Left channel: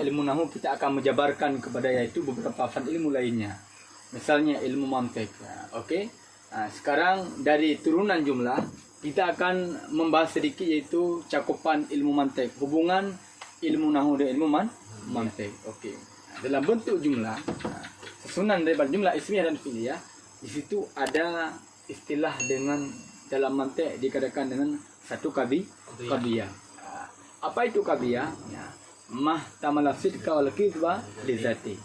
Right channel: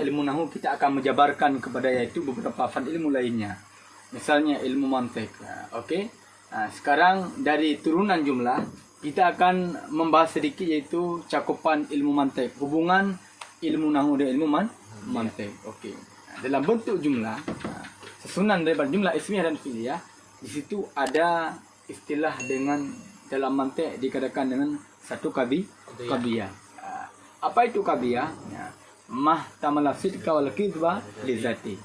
ilmu nahu kita akan menjabarkan kepada yaitu beberapa fan ilmu lainnya. Misalnya ilmu mantik. Okey. Sekarang dari turunan jumlah kita akan membahas sedikit yaitu cakupan ilmu mantik, hubungan ilmu nahu dan ilmu mantik. Okey. Dalam bentuk jumlah, susunan daripada jumlah ismiyah dan fi'liyah, di situ ada istilah dengan dalam mantik dikatakan dengan satu qadiyah. Apa itu qadiyah? Mahtamala sidqa wal kizba li zati.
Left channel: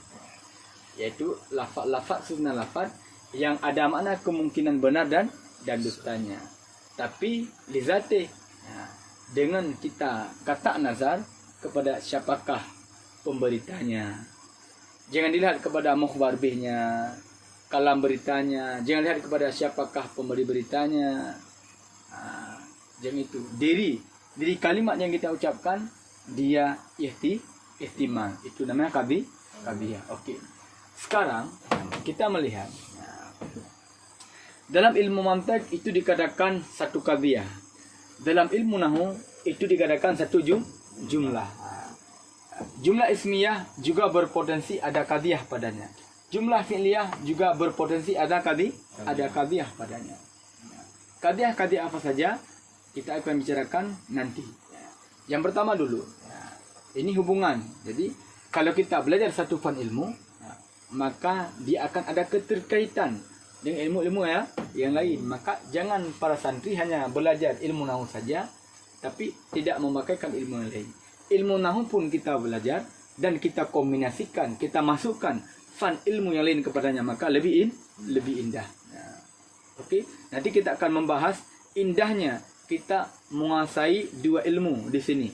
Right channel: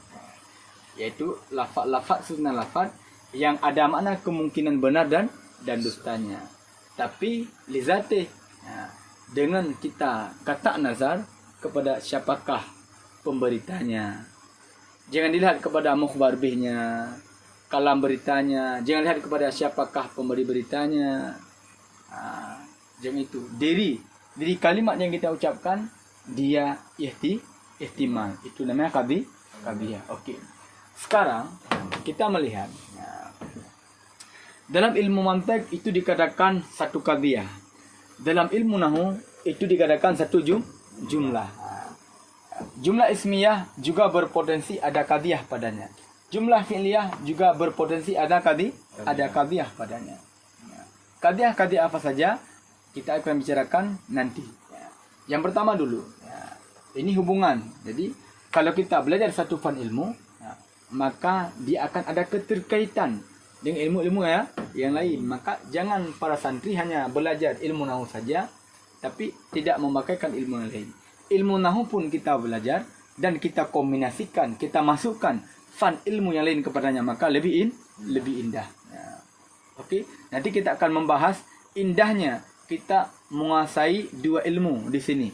Yaitu lafaz susunan lafaz yang ada makna kemungkinan benar dan dustanya. Tapi li zati, dengan kita kata nazar kepada siapakah pemberitanya. Jangan dilihat kepada mukhbar bihnya, kalam beritanya. Jangan lihat kepada siapakah pemberi beritanya. Jangan itu. Diri kalimat yang kita ucapkan, dia ihtimal. Itu namanya qadiyah. Okey. Sekarang kita melihat dalam ilmu mantik itu dikatakan satu qadiyah. Dalam ilmu nahwu itu dikatakan satu jumlah. Jumlah ismiyah juga berpotensi ada qadiyah padanya. Jumlah fi'liyah juga berpotensi ada qadiyah padanya. Qadiyah apa saja kita akan bicarakan nanti. Yang pertama dulu, ini hubungan. Jadi kalau kita belajar satu fan ilmu, maka dia akan ada keterkaitan dengan ilmu-ilmu yang lain. Maka jangan para santri hanya belajar ilmu nahwu saja, tapi tidak memakaikan ilmu yang lain. Ilmu nahwu pun kita belajar dan kita kombinasikan, kita masukkan fan ilmu yang lain kepadanya, maka lebih indah. Okey, nanti kita akan membahas indahnya kita menguasai dua ilmu di sini.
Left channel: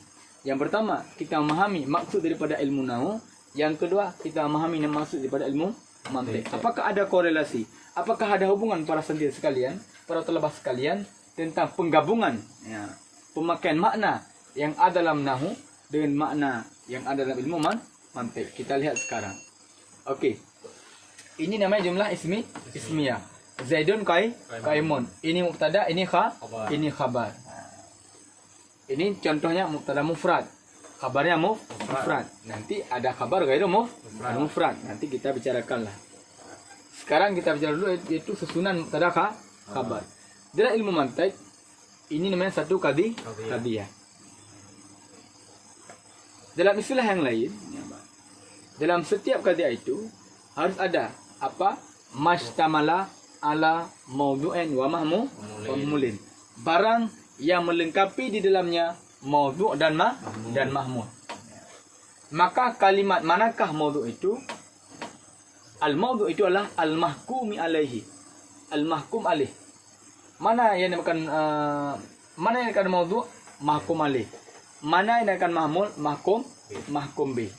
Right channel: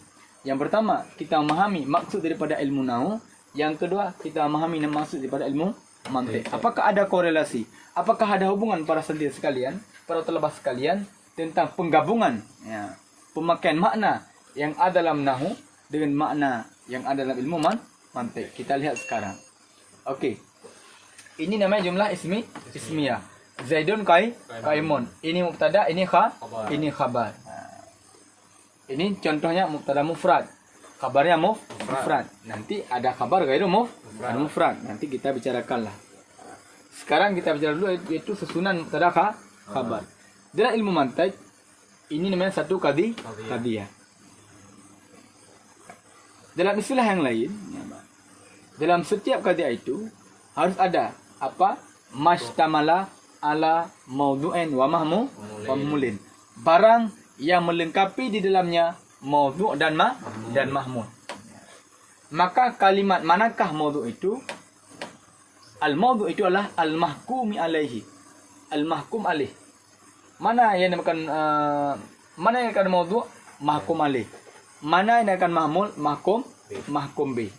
Yang pertama, kita memahami maksud daripada ilmu nahwu. Yang kedua, kita memahami maksud daripada ilmu mantik. Apakah ada korelasi? Apakah ada hubungan para santri sekalian, para talabah sekalian tentang penggabungan pemakaian makna yang ada dalam nahwu dengan makna yang ada dalam ilmu mantik? Kita lihat sekarang. Okey. Ini namanya jumlah ismiyah. Zaidun qaimun. Ini mubtada, ini khabar. Ini contohnya mubtada mufrad. Khabarnya mufrad. Nanti ada khabar ghairu mufrad. Nanti kita bicarakanlah. Sekarang kita bicara dulu yaitu susunan mubtada khabar. Dalam ilmu mantik ini namanya satu qadiyah. Dalam istilah yang lain, dalam setiap qadiyah itu harus ada apa? Mastamala ala mawdu'in wa mahmulin. Barang yang melengkapi di dalamnya mawdu' dan mahmul. Maka kalimat manakah mawdu' itu? Al-mawdu' itu adalah al-mahkumi alaihi. Al-mahkum alaih. Mana yang dinamakan mawdu'? Mahkum alaih. Mana yang dinamakan mahmul? Mahkum bih.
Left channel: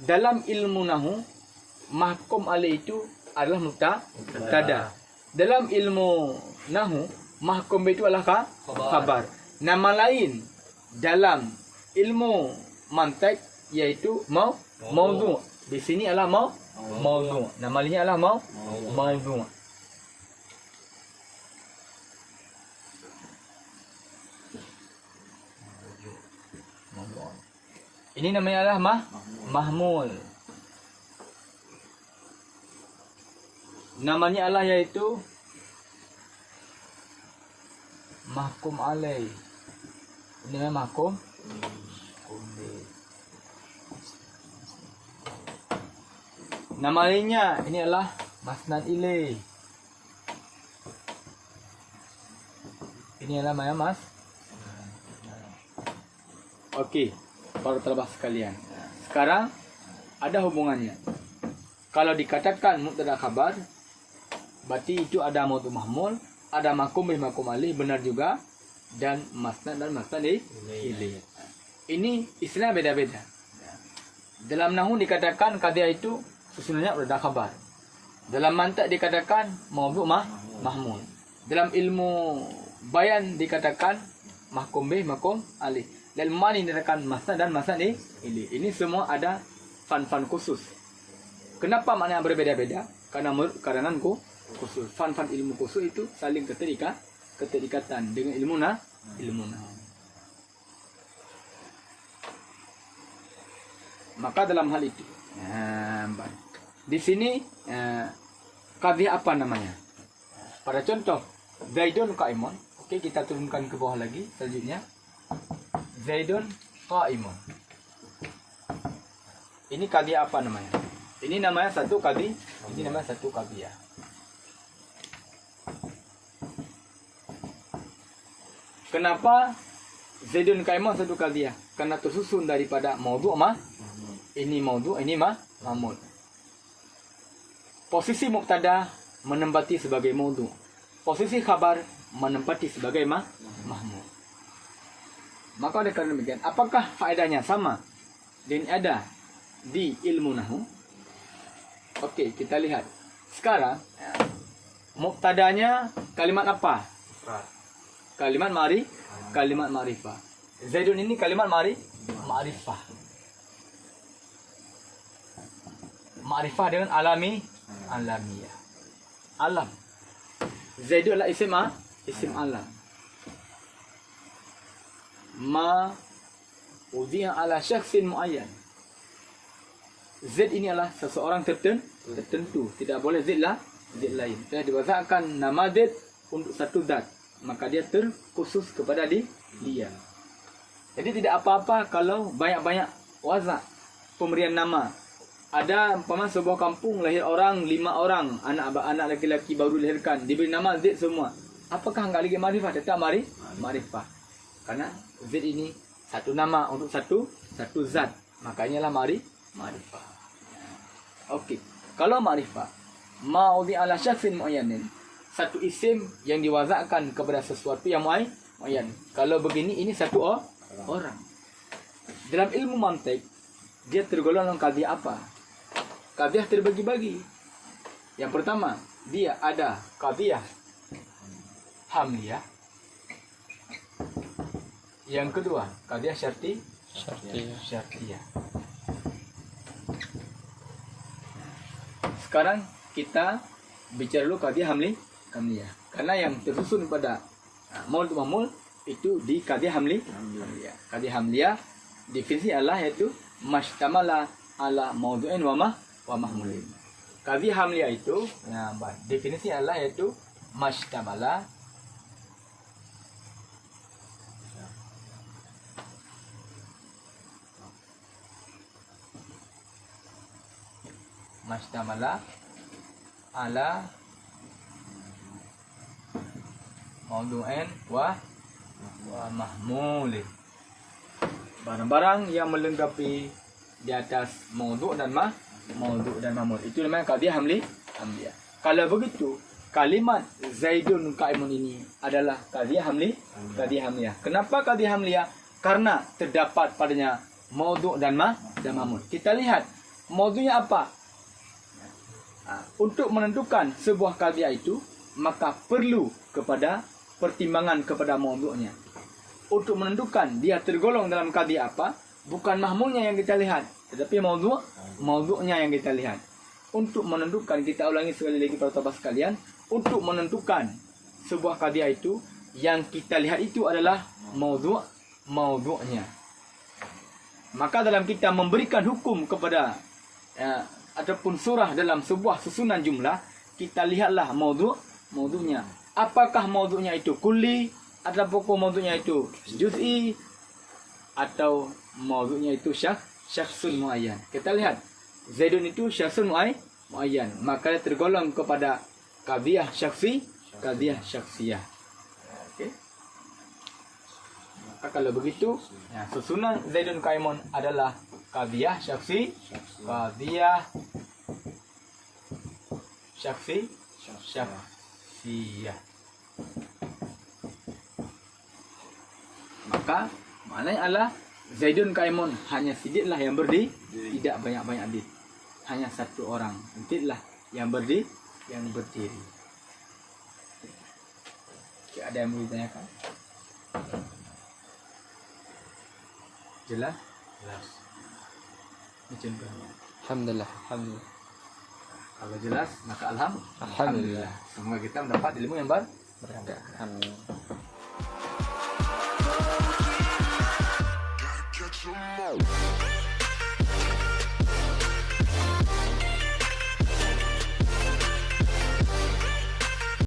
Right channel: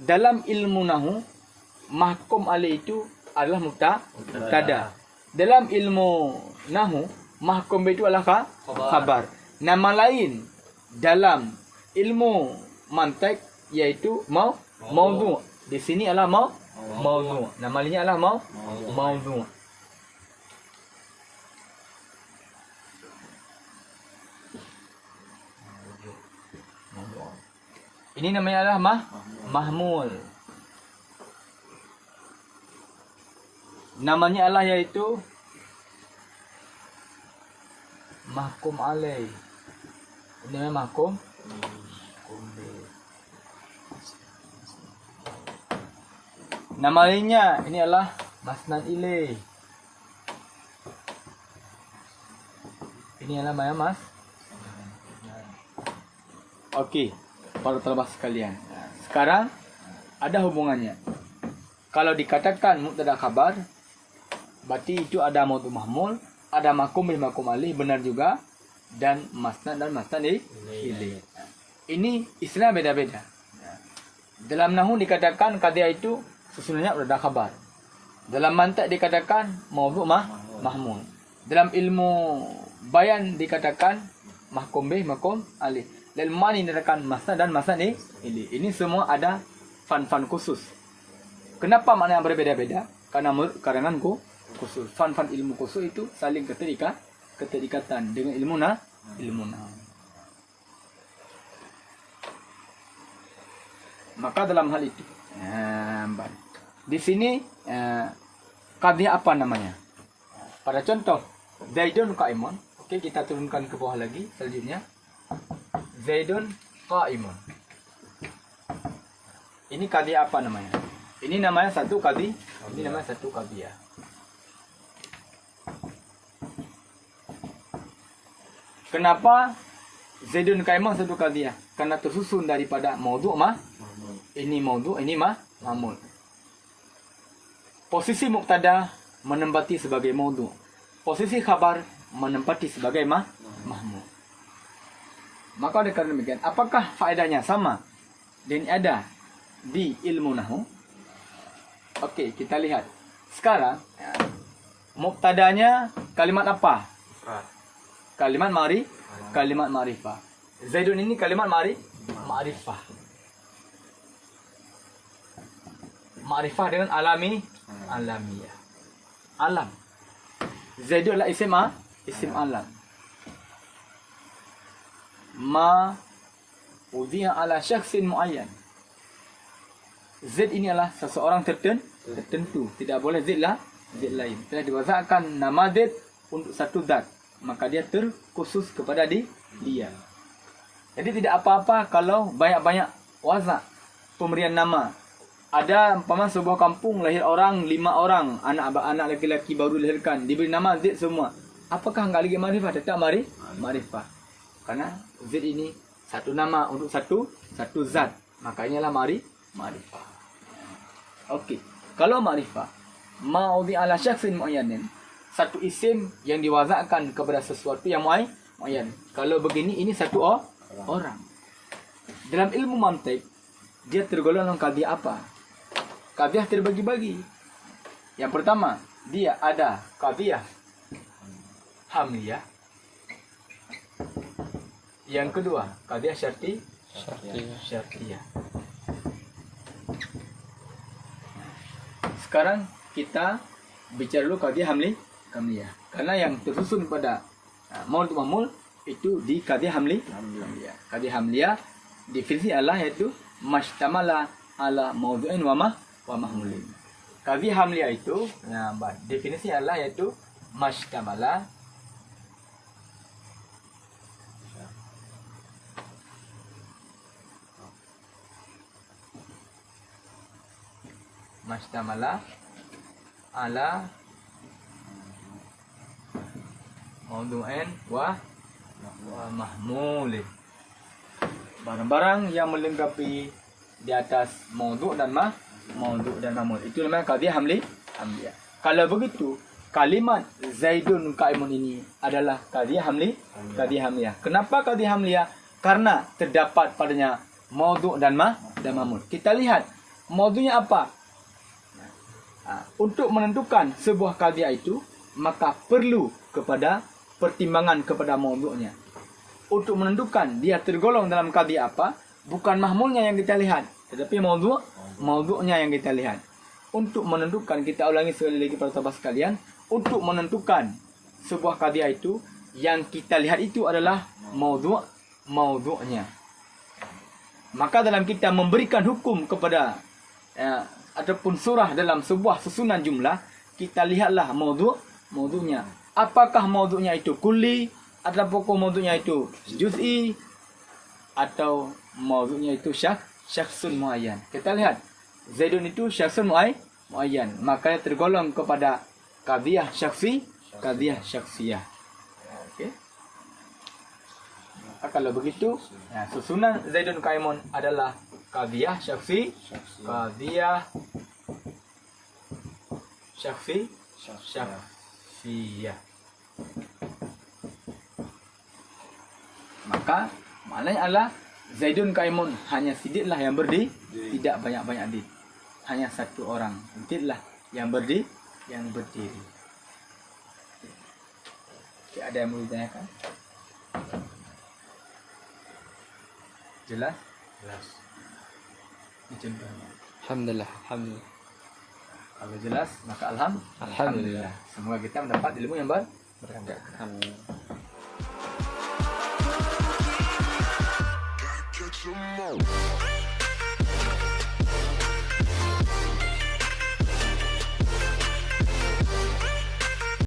Dalam ilmu nahwu, mahkum alaih itu adalah mubtada. Dalam ilmu nahwu, mahkum bih itu adalah khabar. Nama lain dalam ilmu mantik yaitu mawdu'. Di sini adalah mawdu'. Nama lainnya adalah mawdu'. Ini namanya adalah mahmul. Namanya adalah yaitu mahkum alaih. Ini namanya mahkum. Nama lainnya ini adalah masnad ilaih. Ini adalah mas. Okey, para talabah sekalian. Sekarang ada hubungannya. Kalau dikatakan mubtada khabar, berarti itu ada mawdu' mahmul, ada mahkum bih mahkum alaih, benar juga, dan masnad dan masnad ilaih. Ini istilah beda-beda. Dalam nahwu dikatakan qadiyah itu susunannya mubtada khabar. Dalam mantik dikatakan mawdu' mahmul. Dalam ilmu bayan dikatakan mahkum bih mahkum alaih. Dalam mani dikatakan masnad dan masnad ilaih. Ini semua ada fan-fan khusus. Kenapa makna yang berbeda-beda? Karena khusus. Fan-fan ilmu khusus itu saling keterikatan dengan ilmu nahwu. Maka dalam hal itu, di sini qadhiyah apa namanya? Pada contoh Zaidun qa'imun. Okey, kita turunkan ke bawah lagi selanjutnya. Zaidun qa'imun. Ini qadhiyah apa namanya? Ini namanya satu qadhi, ini namanya satu qadhiyah. Kenapa Zaidun qa'imun satu qadhiyah? Karena tersusun daripada maudhu' ini maudhu', ini mahmul. Posisi mubtada menempati sebagai maudhu'. Posisi khabar menempati sebagai mahmul. Maka oleh kerana demikian, apakah faedahnya sama dan ada di ilmu nahwu? Okey, kita lihat. Sekarang mubtadanya kalimat apa? Kalimat kalimat ma'rifah. Zaidun ini kalimat ma'rifah. Ma'rifah dengan alamiah. Alam. Zaidun adalah isim alam. Ma udhiya ala syakhsin muayyan. Z ini adalah seseorang tertentu. Tidak boleh Z lain. Telah diwazakkan nama Z untuk satu zat, maka dia terkhusus kepada dia. Jadi tidak apa-apa kalau banyak-banyak wazak pemberian nama. Ada umpama sebuah kampung lahir orang 5 orang, anak laki-laki baru dilahirkan, diberi nama Z semua. Apakah enggak lagi ma'rifah? Tetap ma'rifah. Karena Z ini satu nama untuk satu zat. Makanya lah ma'rifah. Okey. Kalau ma'rifah, ma'udhi ala syakhsin mu'ayyanin. Satu isim yang diwazakkan kepada sesuatu yang mu'ayyan. Kalau begini, ini satu orang. Dalam ilmu mantik, dia tergolong dalam qadhiyah apa? Qadhiyah terbagi-bagi. Yang pertama, dia ada qadhiyah hamliyah. Yang kedua, qadhiyah syartiyah. Sekarang kita bicara dulu qadhiyah hamliyah. Karena yang tersusun pada maudhu' mahmul itu di qadhiyah hamliyah. Qadhiyah hamliyah definisi adalah yaitu mastamala ala maudhu'in wa mahmulin. Qadhiyah hamliyah itu definisi adalah yaitu mastamala ala maudhu'in wa mahmulin. Barang-barang yang melengkapi di atas maudhu' dan mahmul. Itu namanya qadhiyah hamliyah. Kalau begitu, kalimat Zaidun qa'imun ini adalah qadhiyah hamliyah. Kenapa qadhiyah hamliyah? Karena terdapat padanya maudhu' dan mahmul. Kita lihat maudhu'nya apa? Untuk menentukan sebuah qadhiyah itu, maka perlu kepada pertimbangan kepada maudhu'nya. Untuk menentukan dia tergolong dalam qadhiyah apa, bukan mahmulnya yang kita lihat, tetapi maudhu'nya yang kita lihat. Untuk menentukan, kita ulangi sekali lagi para sahabat sekalian, untuk menentukan sebuah qadhiyah itu, yang kita lihat itu adalah maudhu'nya. Maka dalam kita memberikan hukum kepada ataupun surah dalam sebuah susunan jumlah, kita lihatlah maudhu'nya. Apakah maudhu'nya itu kulli, ataupun maudhu'nya itu juz'i, atau maudhu'nya itu syakhsun muayyan. Kita lihat Zaidun itu syakhsun muayyan, maka tergolong kepada qadhiyah syakhsiyah. Okey. Kalau begitu, susunan Zaidun qa'imun adalah qadhiyah syakhsiyah. Maka maknanya adalah Zaidun qa'imun, hanya sidiklah yang berdiri, tidak banyak-banyak di. Hanya satu orang sidiklah yang berdiri. Ada yang mau ditanyakan? Jelas? Ini contohnya. Alhamdulillah. Kalau jelas, maka Alhamdulillah. Semoga kita mendapat ilmu yang berkah. Amin. Catch 'em all.